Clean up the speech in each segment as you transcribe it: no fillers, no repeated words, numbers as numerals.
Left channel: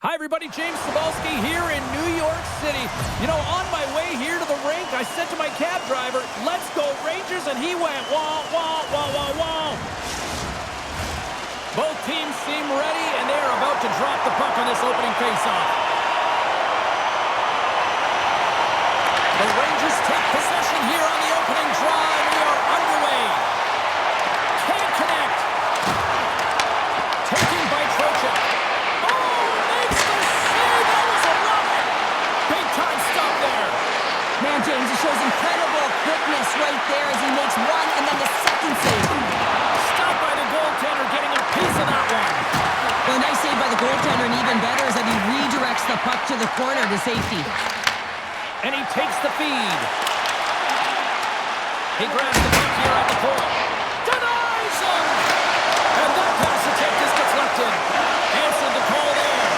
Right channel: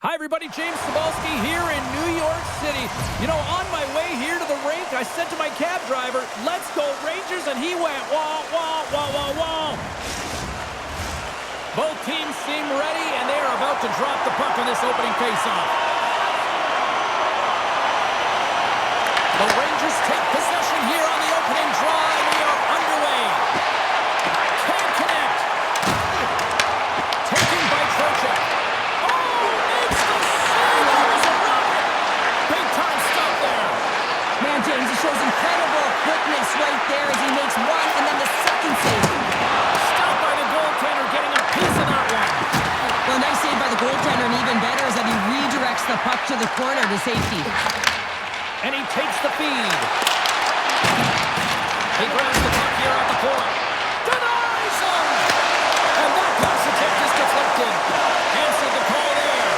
Hi, everybody. James Cebulski here in New York City. You know, on my way here to the rink, I said to my cab driver, "Let's go Rangers," and he went, wah, wah, wah, wah, wah. Both teams seem ready, and they are about to drop the puck on this opening faceoff. The Rangers take possession here on the opening draw, and we are underway. Can't connect. Taken by Trocheck. Oh, makes the save. That was a rocket. Big time stop there. Man, James, he shows incredible quickness right there as he makes one and then the second save. Stopped by the goaltender, getting a piece of that one. Well, a nice save by the goaltender, and even better is that he redirects the puck to the corner to safety. And he takes the feed. He grabs the puck here at the point. Denies him! And that pass attempt is deflected. Answered the call there.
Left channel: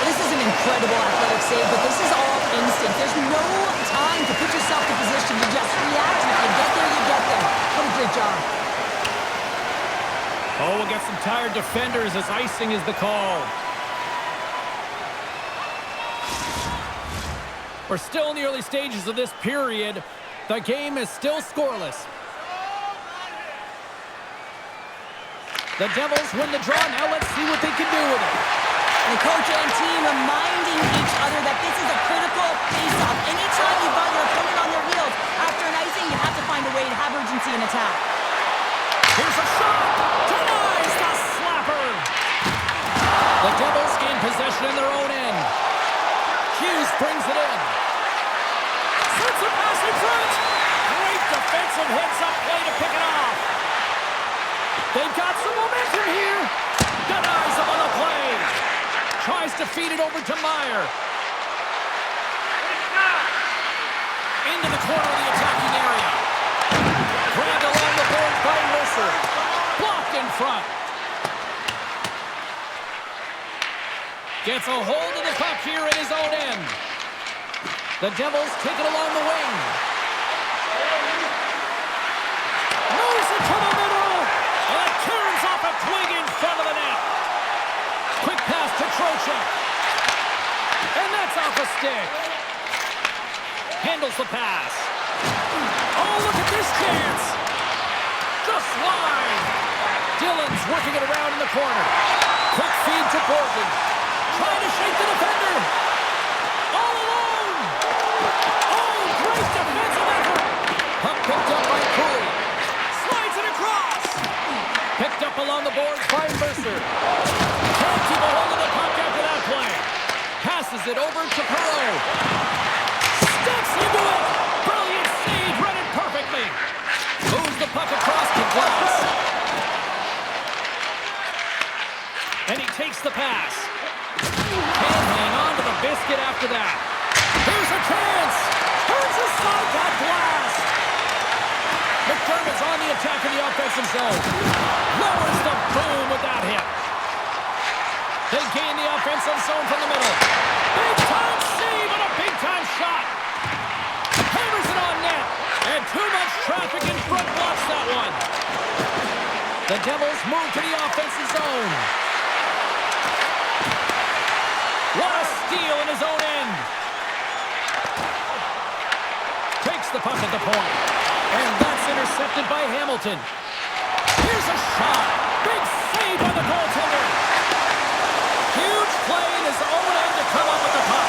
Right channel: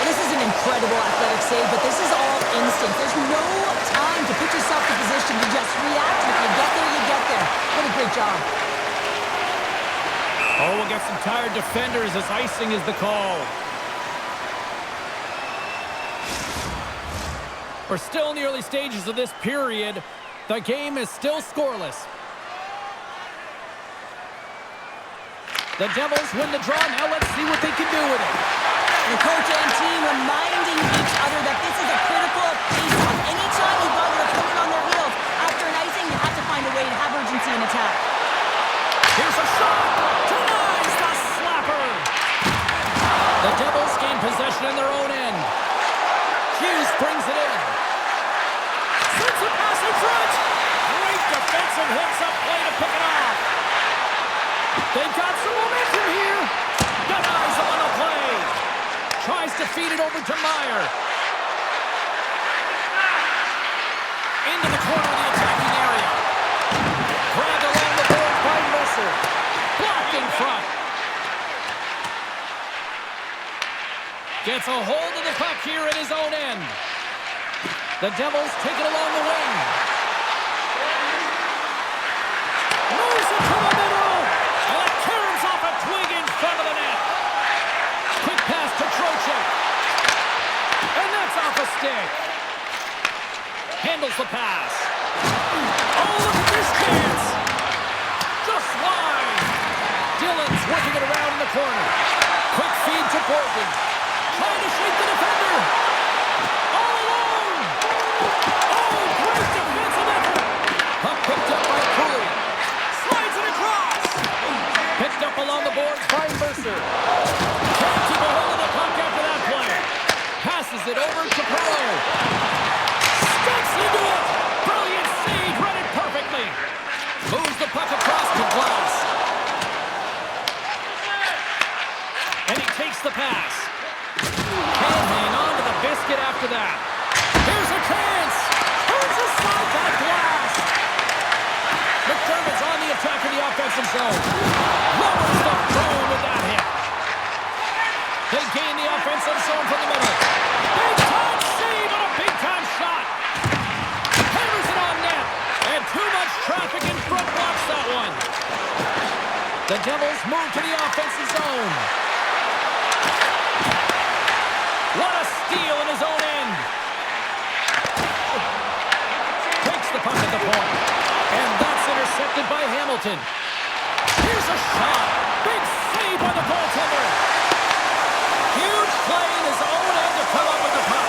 Well, this is an incredible athletic save, but this is all instinct. There's no time to put yourself in position to just react. If you get there, you get there. What a great job. Oh, we'll get some tired defenders as icing is the call. We're still in the early stages of this period. The game is still scoreless. The Devils win the draw. Now let's see what they can do with it. The coach and team reminding each other that this is a critical face-off. Anytime you've got your opponent on their heels after an icing, you have to find a way to have urgency in attack. Here's a shot. Denies the slapper. The Devils gain possession in their own end. Hughes brings it in. Sends a pass in front. Great defensive heads-up play to pick it off. They've got some momentum here. Denies him on the play. Tries to feed it over to Meyer. Into the corner of the attacking area. Grabbed along the boards by Mercer. Blocked in front. Gets a hold of the puck here in his own end. The Devils take it along the wing. Moves it to the middle. And it turns off a twig in front of the net. Quick pass to Trocheck. And that's off a stick. Handles the pass. Oh, look at this chance. Just wide. Dillon's working it around in the corner. Quick feed to Borgen. Trying to shake the defender. All alone. Oh, great defensive effort. Puck picked up by Cooley. Slides it across. Picked up along the boards by Mercer. Can't keep a hold of the puck after that play. Passes it over to Perreault. Steps into it. Brilliant save. Read it perfectly. Moves the puck across to Glass. And he takes the pass. Can't hang on to the biscuit after that. Here's a chance. Turns aside that Glass. McDermott's on the attack in the offensive zone. Lowers the boom with that hit. They gain the offensive zone from the middle. Big time save on a big time shot. Hammers it on net. And too much traffic in front blocks that one. The Devils move to the offensive zone. What a steal in his own end. Takes the puck at the point. And that's intercepted by Hamilton. Here's a shot. Big save by the goaltender. Huge play in his own end to come up with the puck.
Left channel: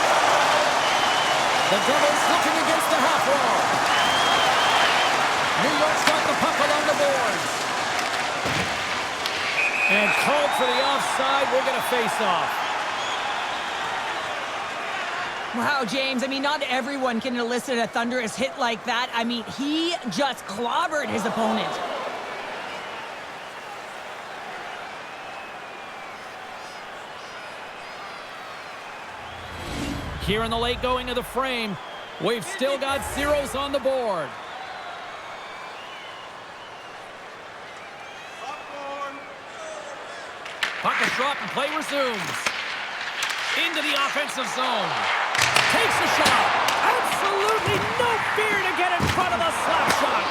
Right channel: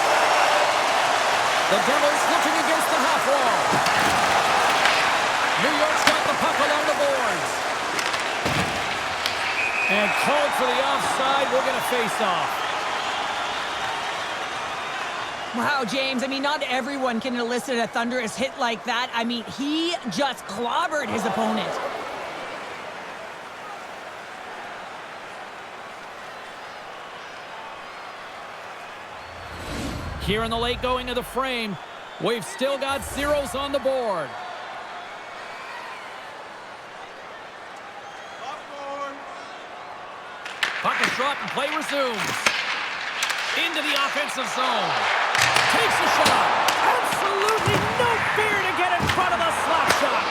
The Devils looking against the half wall. New York's got the puck along the boards. And called for the offside. We'll get a face-off. Wow, James, I mean, not everyone can elicit a thunderous hit like that. I mean, he just clobbered his opponent. Here in the late going of the frame, we've still got zeros on the board. Puck is dropped and play resumes. Into the offensive zone. Takes a shot. Absolutely no fear to get in front of the slap shot.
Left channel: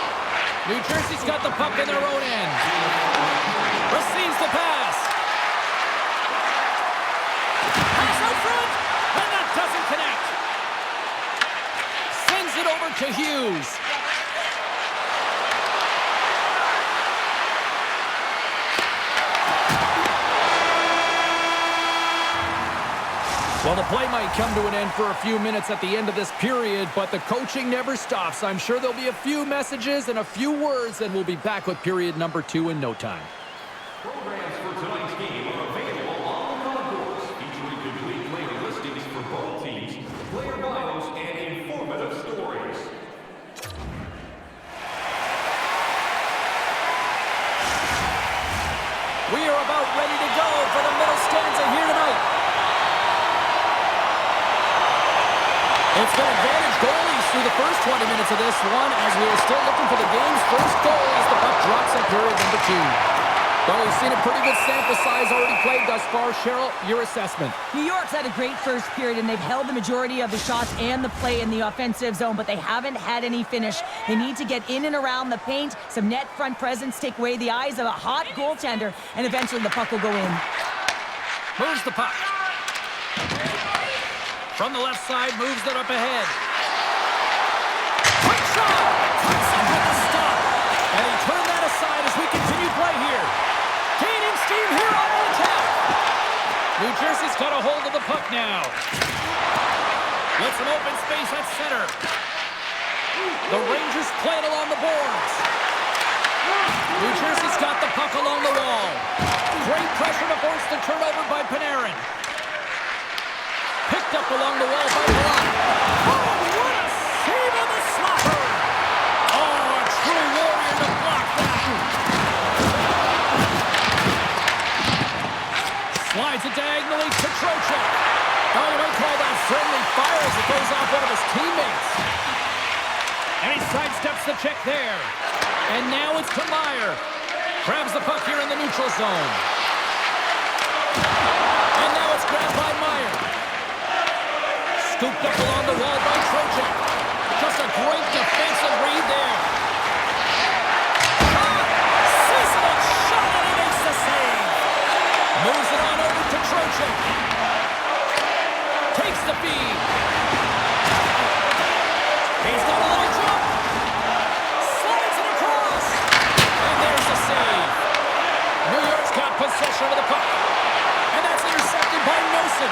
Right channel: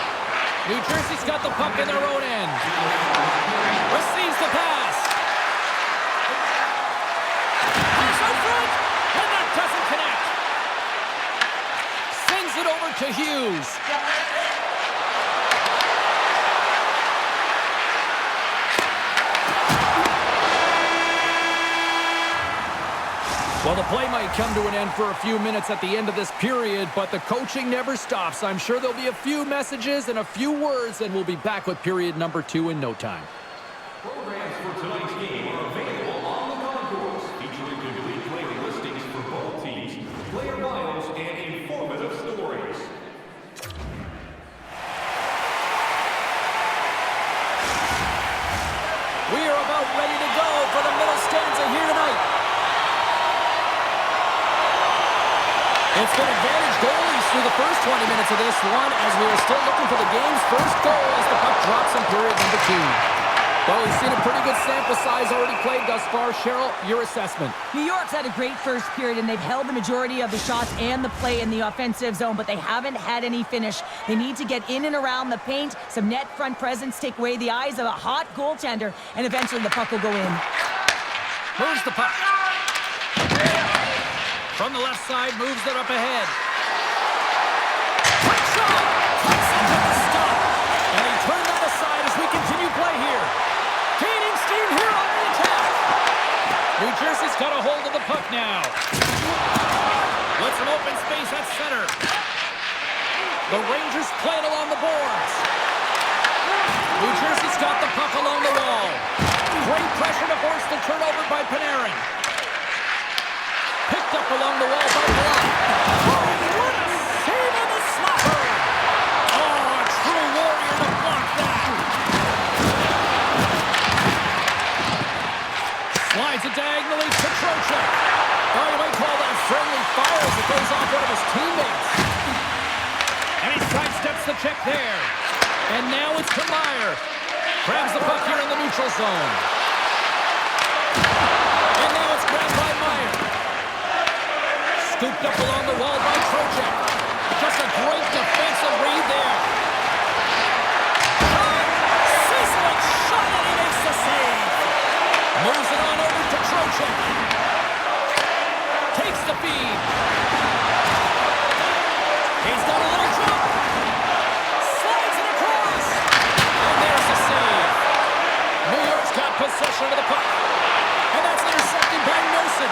New Jersey's got the puck in their own end. Receives the pass. Pass it over to Hughes. Well, the play might come to an end for a few minutes at the end of this period, but the coaching never stops. I'm sure there'll be a few messages and a few words, and we'll be back with period number 2 in no time. Programs for tonight's game are available on the concourse, featuring complete player listings for both teams, player bios, and informative stories. We are about ready to go for the middle stanza here tonight. It's been advantage goalies through the first 20 minutes of this one as we are still looking for the game's first goal as the puck drops in period number 2. Well, we've seen a pretty good sample size already played thus far. Cheryl, your assessment. New York's had a great first period, and they've held the majority of the shots and the play in the offensive zone, but they haven't had any finish. They need to get in and around the paint, some net front presence, take away the eyes of a hot goaltender, and eventually the puck will go in. Moves the puck. From the left side, moves it up ahead. Quick shot! Cuts it with the stop. And he turned that aside as we continue play here. Gaining steam here on the attack. New Jersey's got a hold of the puck now. With some open space at center. The Rangers play it along the boards. New Jersey's got the puck along the wall. Great pressure to force the turnover by Panarin. Picked up along the wall by Palat. Oh, what a save on the slapper! Oh, a true warrior to block that. Slides it diagonally to Trocheck. Oh, you might call that friendly fire as it goes off one of his teammates. And he sidesteps the check there. And now it's to Meyer. Grabs the puck here in the neutral zone. And now it's grabbed by Meyer. Scooped up along the wall by Trocheck. Just a great defensive read there. Sizzling shot, and he makes the save. Moves it on over to Trocheck. Takes the feed. He's got a little jump. Slides it across. And there's the save. New York's got possession of the puck. And that's intercepted by Nosen.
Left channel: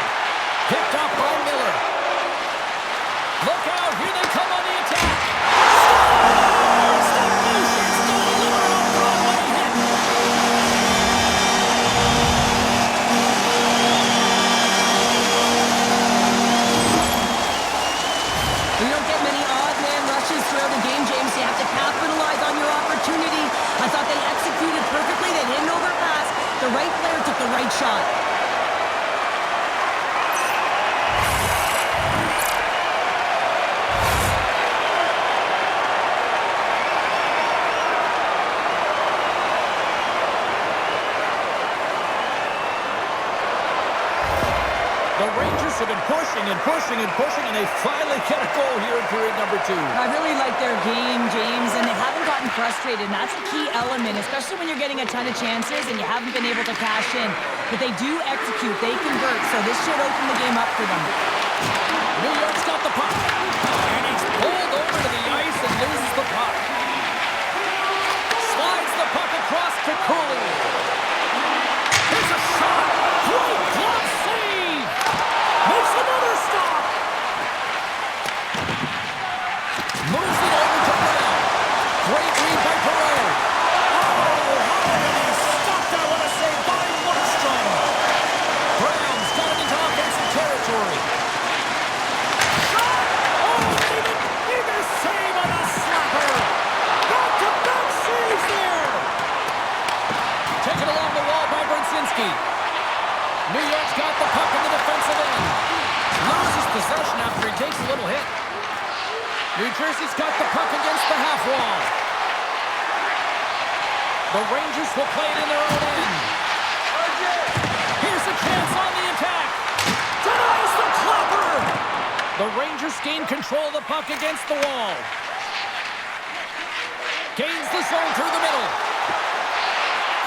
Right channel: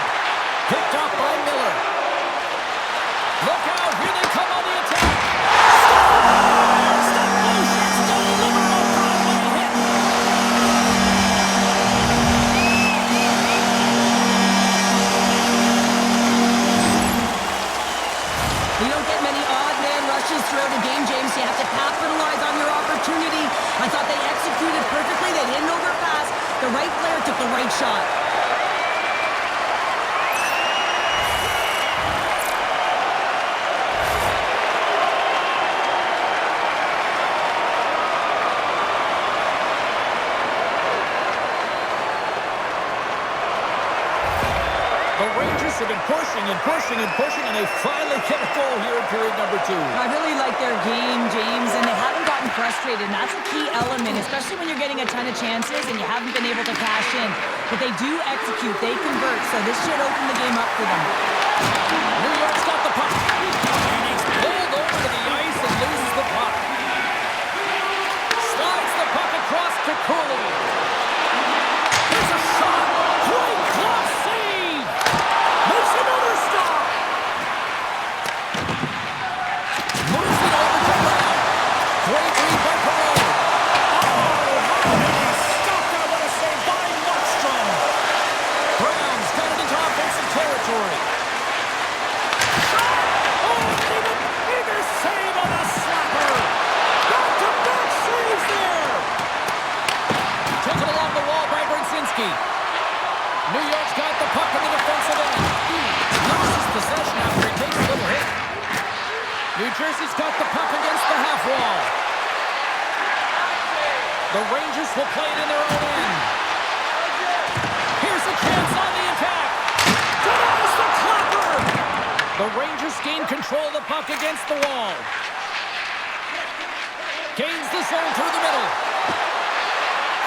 Picked off by Miller. Look out, here they come on the attack. Scores! The Blue Shirts don't deliver a Broadway hit. We don't get many odd man rushes throughout a game, James. You have to capitalize on your opportunity. I thought they executed perfectly. They didn't overpass. The right player took the right shot. The Rangers have been pushing and pushing and pushing, and they finally get a goal here in period number 2. I really like their game, James, and they haven't gotten frustrated, and that's a key element, especially when you're getting a ton of chances and you haven't been able to cash in. But they do execute, they convert, so this should open the game up for them. New York's got the puck, and he's pulled over to the ice and loses the puck. Slides the puck across to Cooley. Here's a shot! Great glove save! Makes another stop! Moves it over to Brown. Great read by Perot. Oh, how did he stop that? What a save by Markstrom! Brown's got it into offensive territory. Shot! Oh, even bigger save on the slapper! Back-to-back saves there! Taken along the wall by Brzezinski. New York's got the puck in the defensive end. Loses possession after he takes a little hit. New Jersey's got the puck against the half wall. The Rangers will play it in their own end. Here's a chance on the attack. Denies the clapper. The Rangers gain control of the puck against the wall. Gains the zone through the middle.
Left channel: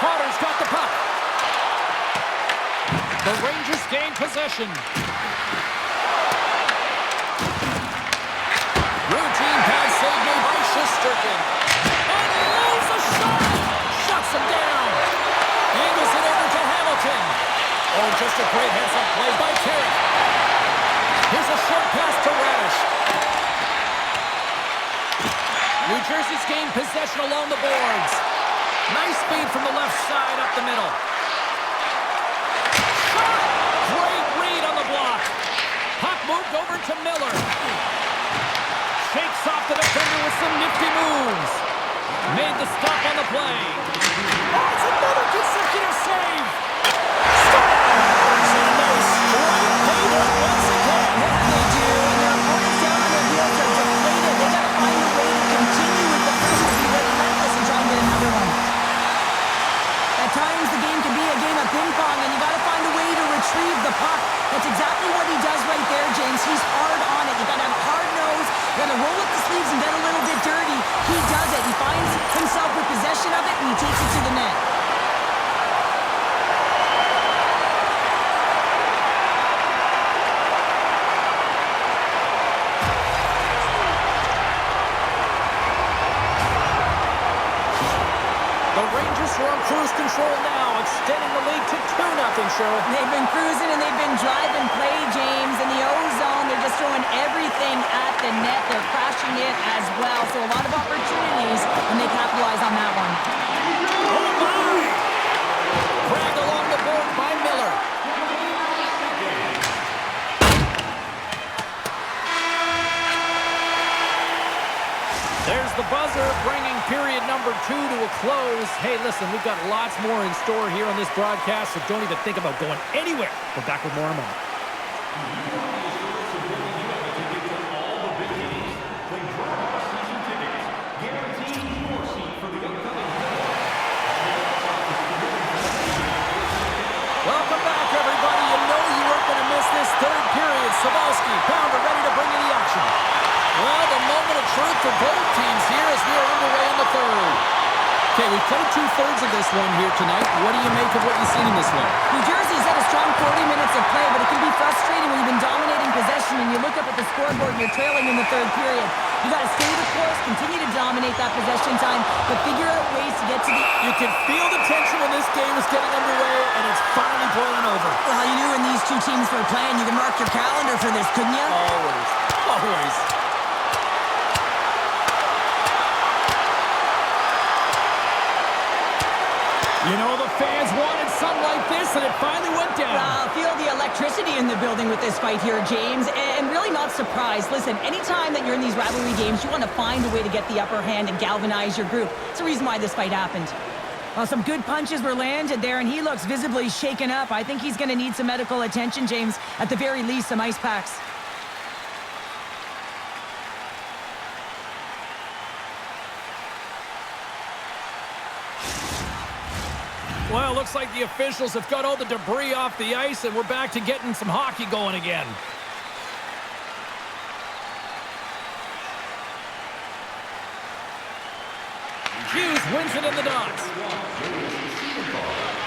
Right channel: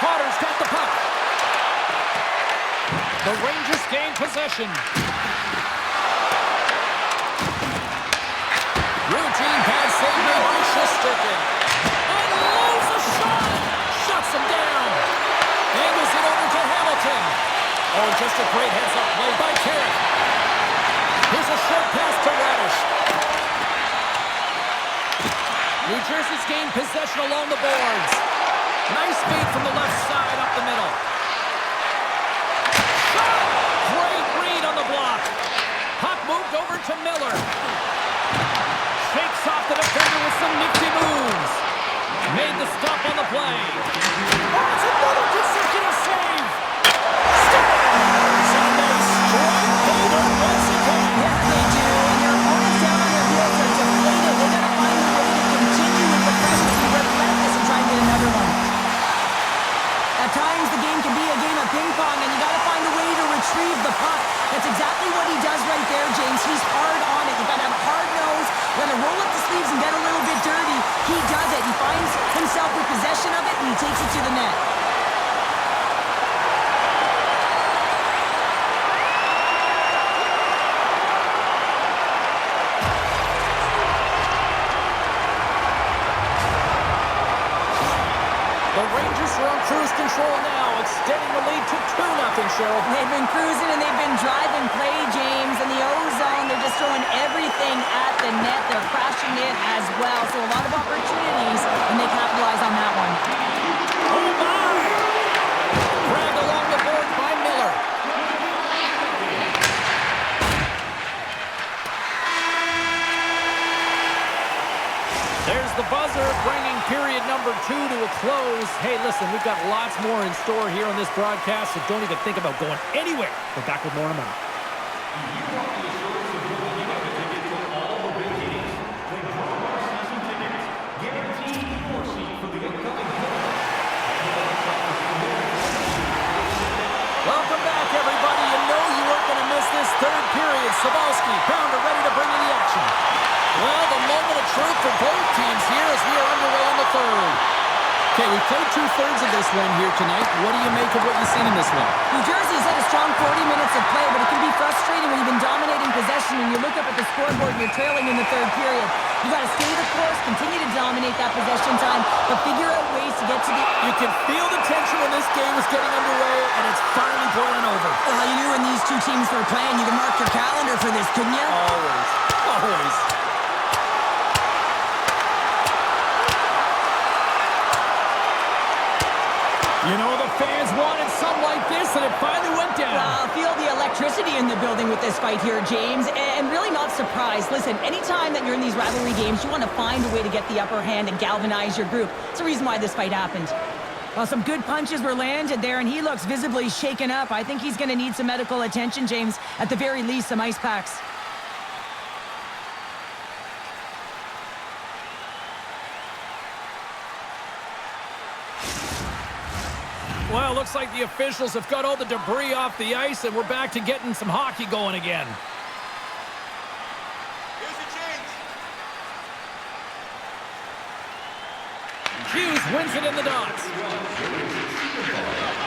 Carter's got the puck. The Rangers gain possession. Routine pad save made by Shesterkin. Unloads a shot! Shuts him down. Angles it over to Hamilton. Oh, just a great heads-up play by Carrick. Here's a short pass to Radish. New Jersey's gained possession along the boards. Nice feed from the left side up the middle. Shot! Great read on the block. Puck moved over to Miller. Shakes off the defender with some nifty moves. Made the stop on the play. Oh, it's another consecutive save. Scores! And they strike Taylor once again. Yeah, they do. And their opponents down on their heels are deflated. They got to find a way to continue with the pressure, be relentless, and try and get another one. At times, the game can be a game of ping pong, and you got to find a way to retrieve the puck. That's exactly what he does right there, James. He's hard on it. You got to have a hard nose. You got to roll up the sleeves and get a little bit dirty. He does it. He finds himself with possession of it, and he takes it to the net. The Rangers are on cruise control now, extending the lead to 2-0, Cheryl. They've been cruising and they've been driving play, James. In the O-zone, they're just throwing everything at the net. They're crashing it as well. So a lot of opportunities, and they capitalize on that one. Oh, my! Dragged along the board by Miller. There's the buzzer, bringing period number 2 to a close. Hey, listen, we've got lots more in store here on this broadcast, so don't even think about going anywhere. We're back with more in a moment. You want the assurance of knowing you have a ticket to all the big games? Then grab our season tickets. Guarantee your seat for the upcoming playoffs. Welcome back, everybody. You know you weren't going to miss this third period. Sabalski, Pounder ready to bring you the action. Well, the moment of truth for both teams here as we are underway in the third. Okay, we've played 2/3 of this one here tonight. What do you make of what you've seen in this one? New Jersey's had a strong 40 minutes of play, but it can be frustrating when you've been dominating possession and you look up at the scoreboard and you're trailing in the third period. You got to stay the course, continue to dominate that possession time, but figure out ways to get to the... You can feel the tension when this game is getting underway, and it's finally boiling over. Well, you knew when these two teams were playing, you can mark your calendar for this, couldn't you? Always. Always. You know, the fans wanted something like this, and it finally went down. Well, feel the electricity in the building with this fight here, James, and really not surprised. Listen, anytime that you're in these rivalry games, you want to find a way to get the upper hand and galvanize your group. It's the reason why this fight happened. Well, some good punches were landed there, and he looks visibly shaken up. I think he's going to need some medical attention, James. At the very least, some ice packs. Well, looks like the officials have got all the debris off the ice, and we're back to getting some hockey going again. Hughes wins it in the dots.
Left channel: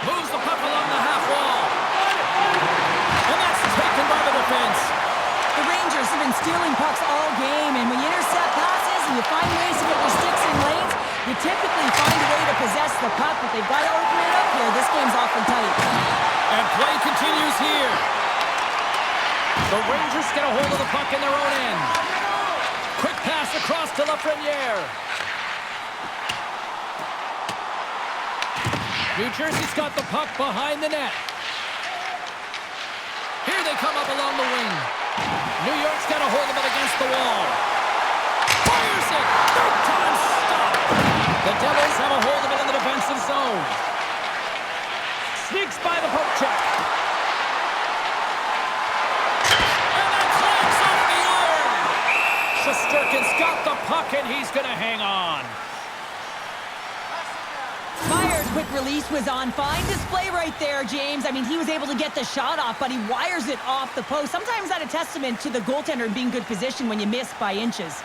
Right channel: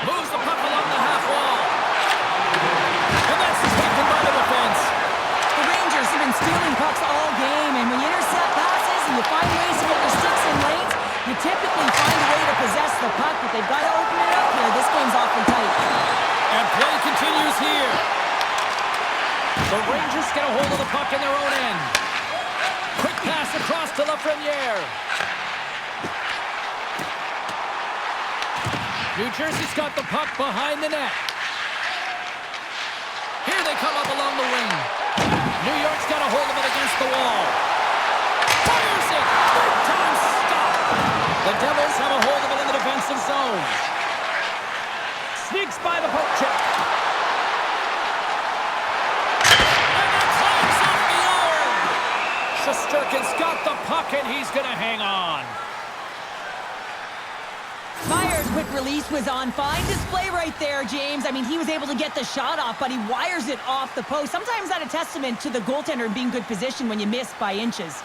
Moves the puck along the half wall. And that's taken by the defense. The Rangers have been stealing pucks all game, and when you intercept passes and you find ways to get your sticks in lanes, you typically find a way to possess the puck, but they've got to open it up here. This game's awfully tight. And play continues here. The Rangers get a hold of the puck in their own end. Quick pass across to Lafreniere. New Jersey's got the puck behind the net. Here they come up along the wing. New York's got a hold of it against the wall. Fires it! Big time stop! The Devils have a hold of it in the defensive zone. Sneaks by the poke check. And that climbs off the iron! Shesterkin's got the puck, and he's going to hang on. Myers' quick release was on. Fine display right there, James. I mean, he was able to get the shot off, but he wires it off the post. Sometimes that's a testament to the goaltender being good position when you miss by inches.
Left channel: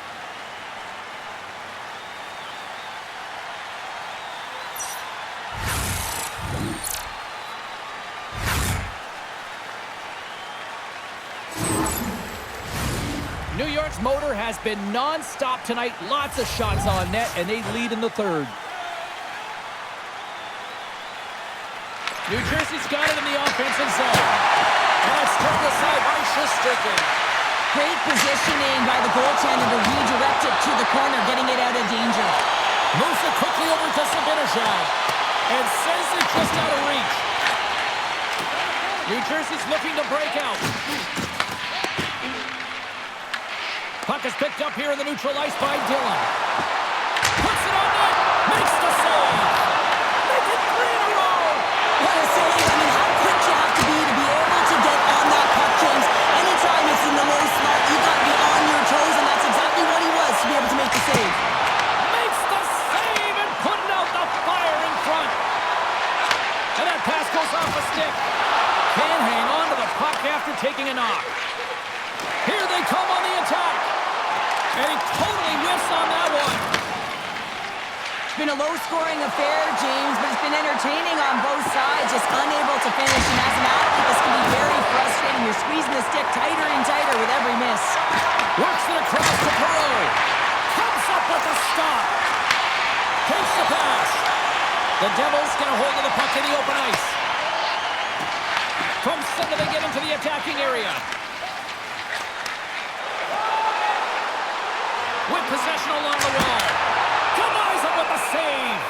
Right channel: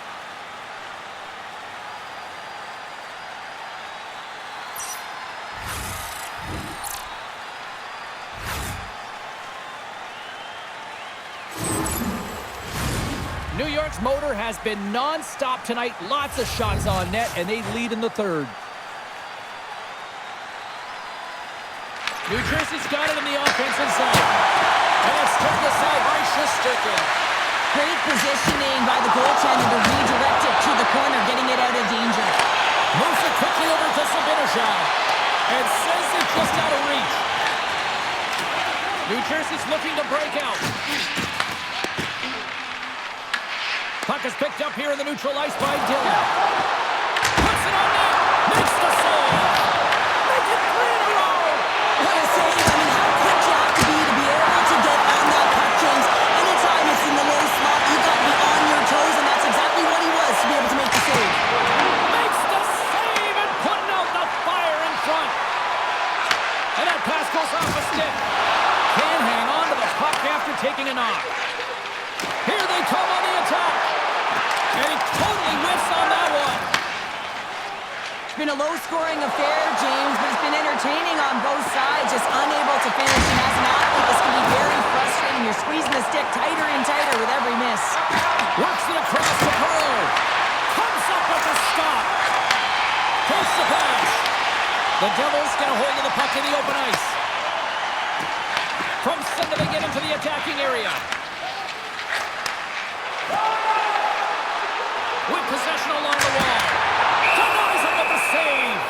New York's motor has been non-stop tonight. Lots of shots on net, and they lead in the third. New Jersey's got it in the offensive zone. And it's turned aside by Shesterkin. Great positioning by the goaltender to redirect it to the corner, getting it out of danger. Moves it quickly over to Zibanejad. And sends it just out of reach. New Jersey's looking to break out. Puck is picked up here in the neutral ice by Dillon. Puts it on net. Makes the save. Make it 3 in a row. What a save. I mean, how quick you have to be able to get on that puck, James. Anytime it's in the low slot, you've got to be on your toes, and that's exactly what he was to be able to make the save. Makes the save and putting out the fire in front. And that pass goes off a stick. Can't hang on to the puck after taking a knock. Here they come on the attack. And he totally whiffs on that one. It's been a low-scoring affair, James, but it's been entertaining on both sides, just unable to finish. And as an athlete, this can be very frustrating. You're squeezing the stick tighter and tighter with every miss. Works it across to Perreault. Comes up with a stop. Takes the pass. The Devils get a hold of the puck in the open ice. From center, they get into the attacking area. With possession along the wall. Denies him with a save.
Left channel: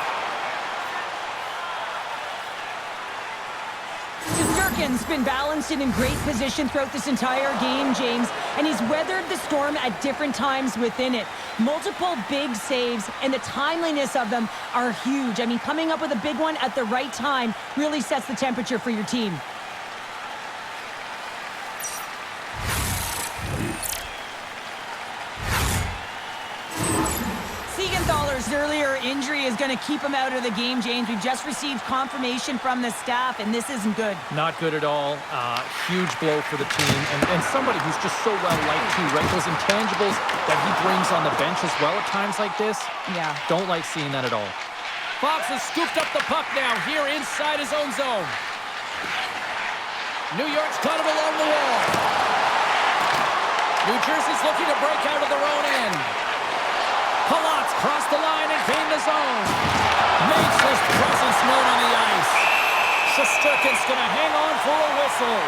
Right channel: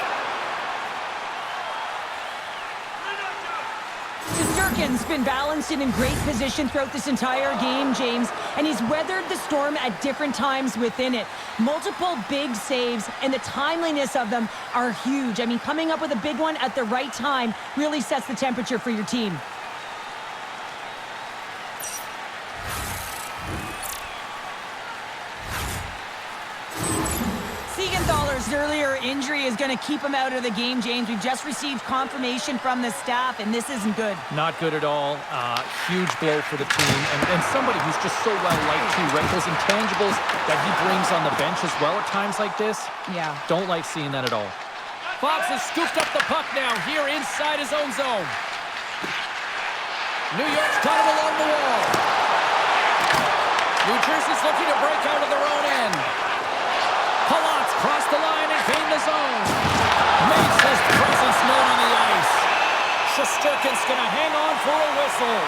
Shesterkin's been balanced and in great position throughout this entire game, James, and he's weathered the storm at different times within it. Multiple big saves, and the timeliness of them are huge. I mean, coming up with a big one at the right time really sets the temperature for your team. Siegenthaler's earlier injury is going to keep him out of the game, James. We've just received confirmation from the staff, and this isn't good. Not good at all. Huge blow for the team. And somebody who's just so well-liked, too, right? Those intangibles that he brings on the bench as well at times like this. Yeah. Don't like seeing that at all. Fox has scooped up the puck now here inside his own zone. New York's got it along the wall. New Jersey's looking to break out of their own end. Palat's crossed the line and gained the zone. Makes his presence known on the ice. Shesterkin's going to hang on for a whistle.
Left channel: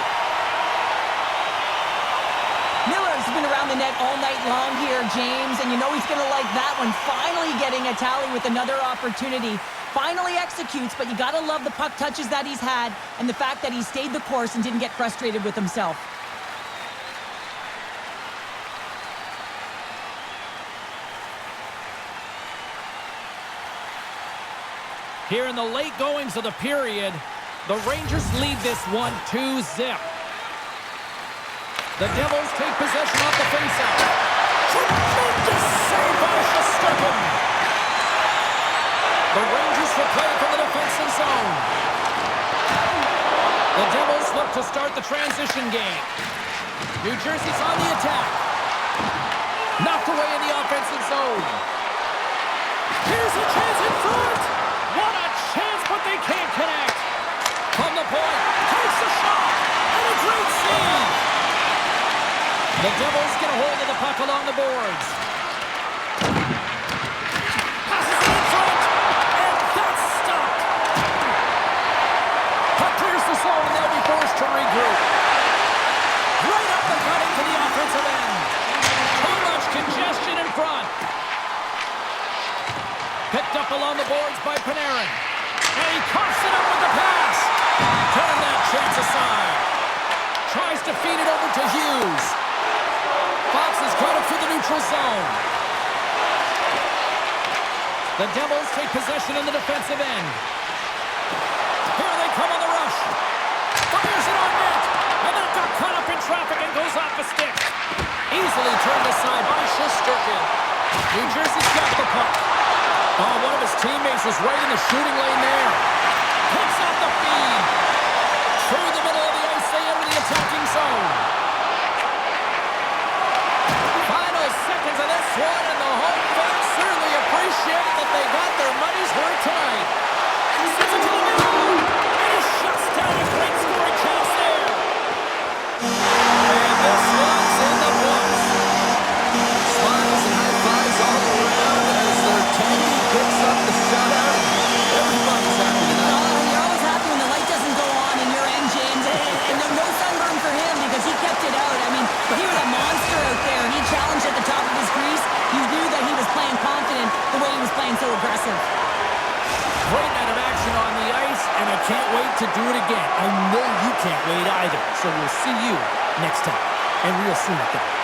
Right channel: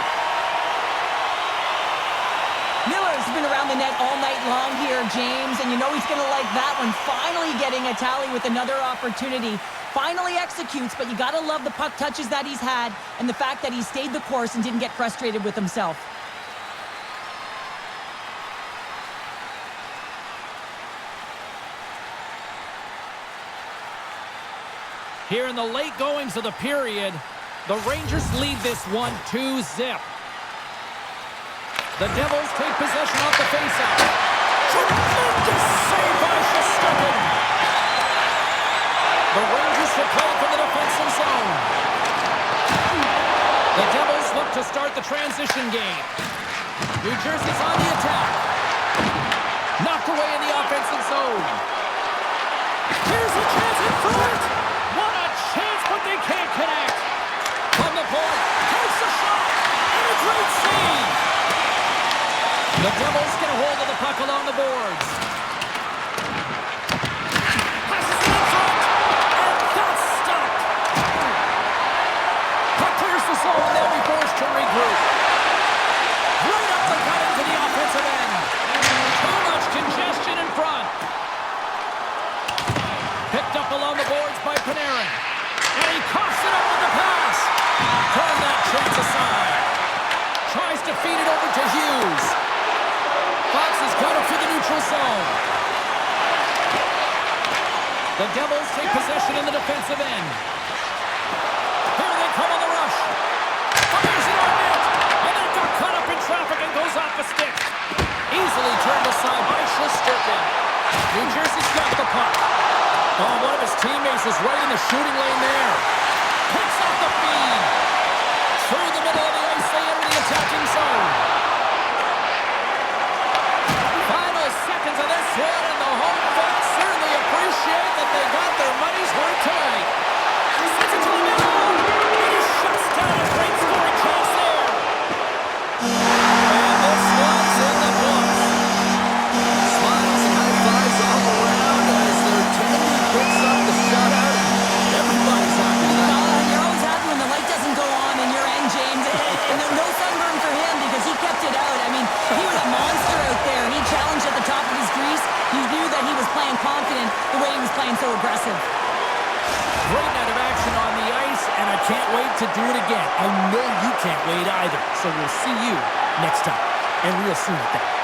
Miller's been around the net all night long here, James, and you know he's going to like that one. Finally getting a tally with another opportunity. Finally executes, but you got to love the puck touches that he's had and the fact that he stayed the course and didn't get frustrated with himself. Here in the late goings of the period, the Rangers lead this one 2-0. The Devils take possession off the faceoff. Tremendous save by Shesterkin. The Rangers replay from the defensive zone. The Devils look to start the transition game. New Jersey's on the attack. Knocked away in the offensive zone. Here's a chance in front. What a chance, but they can't connect. From the point, takes a shot, and a great save. The Devils get a hold of the puck along the boards. Passes it in front, and that's stopped. Puck clears the zone, and they'll be forced to regroup. Right up the gut into the offensive end. Too much congestion in front. Picked up along the boards by Panarin. And he coughs it up with the pass. Turn that chance aside. Tries to feed it over to Hughes. Fox has got it to the neutral zone. The Devils take possession in the defensive end. Here they come on the rush. Fires it on net. And that got caught up in traffic and goes off a stick. Easily turned aside by Shesterkin. New Jersey's got the puck. Oh, one of his teammates was right in the shooting lane there. Picks off the feed. Through the middle of the ice, they enter the attacking zone. Final seconds of this one, and the home fans certainly appreciate that they got their money's worth tonight. Sends it to the middle, and he shuts down a great scoring chance there. And this one's in the books. because he kept it out. I mean, he was a monster out there. He challenged at the top of his crease. You knew that he was playing confident the way he was playing so aggressive. Great night of action on the ice, and I can't wait to do it again. I know you can't wait either. So we'll see you next time, and real soon at that.